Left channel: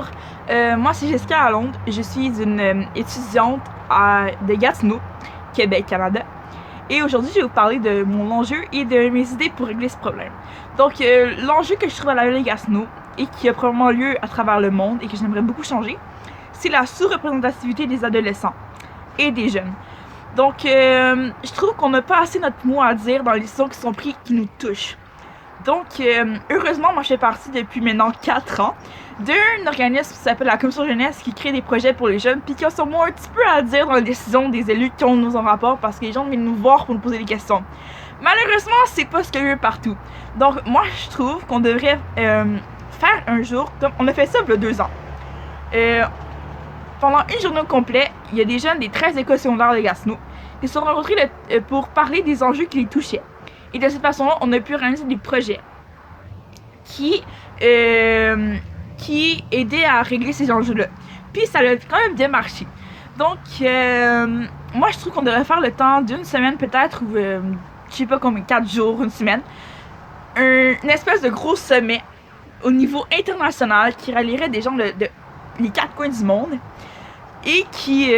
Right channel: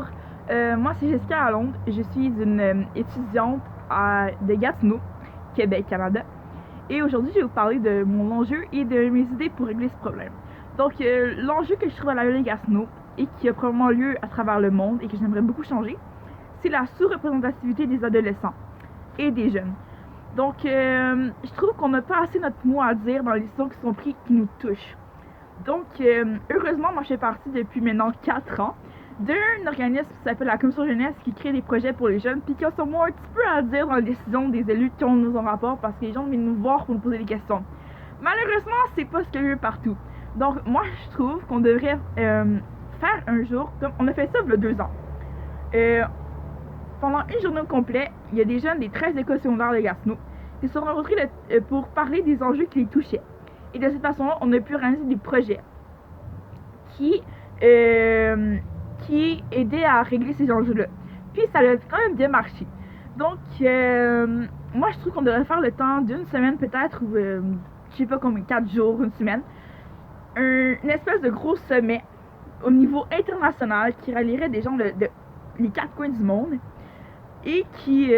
Bonjour, moi c'est Jessica Lalonde, je suis une étudiante de Gatineau, Québec, Canada. Et aujourd'hui, je vais vous parler de mon enjeu et de mes idées pour régler ce problème. Donc, l'enjeu que je trouve à la ville de Gatineau et qui a probablement lieu à travers le monde et que j'aimerais beaucoup changer, c'est la sous-représentativité des adolescents et des jeunes. Donc, je trouve qu'on n'a pas assez notre mot à dire dans les décisions qui sont prises qui nous touchent. Donc, heureusement, moi je fais partie depuis maintenant 4 ans d'un organisme qui s'appelle la Commission Jeunesse qui crée des projets pour les jeunes puis qui a sûrement un petit peu à dire dans les décisions des élus qui ont nous en rapport parce que les gens viennent nous voir pour nous poser des questions. Malheureusement, c'est pas ce qu'il y a eu partout. Donc, moi je trouve qu'on devrait faire un jour, comme on a fait ça il y a 2 ans. Pendant une journée au complet, il y a des jeunes des 13 écoles secondaires de Gatineau qui se sont rencontrés pour parler des enjeux qui les touchaient. Et de cette façon-là, on a pu réaliser des projets qui aidaient à régler ces enjeux-là. Puis ça a quand même bien marché. Donc, moi, je trouve qu'on devrait faire le temps d'une semaine peut-être, ou je sais pas combien, 4 jours, une semaine, une espèce de gros sommet au niveau international qui rallierait des gens de les 4 coins du monde et qui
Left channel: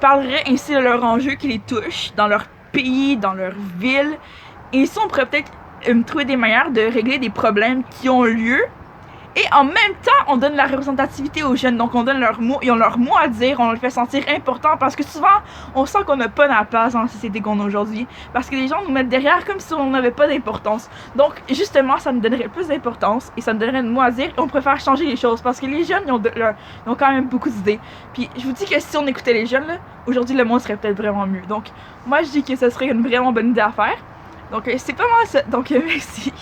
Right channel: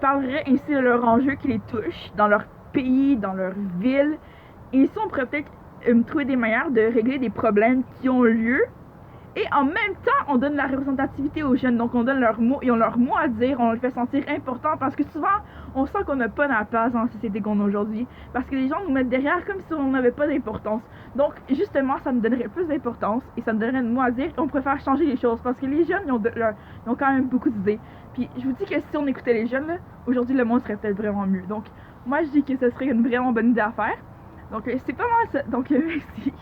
parlerait ainsi de leurs enjeux qui les touchent dans leur pays, dans leur ville. Et ici, on pourrait peut-être trouver des manières de régler des problèmes qui ont lieu. Et en même temps, on donne la représentativité aux jeunes. Donc, on donne leur mot, ils ont leur mot à dire, on le fait sentir important parce que souvent, on sent qu'on n'a pas la place dans la société qu'on a aujourd'hui. Parce que les gens nous mettent derrière comme si on n'avait pas d'importance. Donc, justement, ça nous donnerait plus d'importance et ça nous donnerait le mot à dire et on préfère changer les choses parce que les jeunes, ils ont quand même beaucoup d'idées. Puis, je vous dis que si on écoutait les jeunes, là, aujourd'hui, le monde serait peut-être vraiment mieux. Donc, moi, je dis que ce serait une vraiment bonne idée à faire. Donc, c'est pas mal ça. Donc, merci.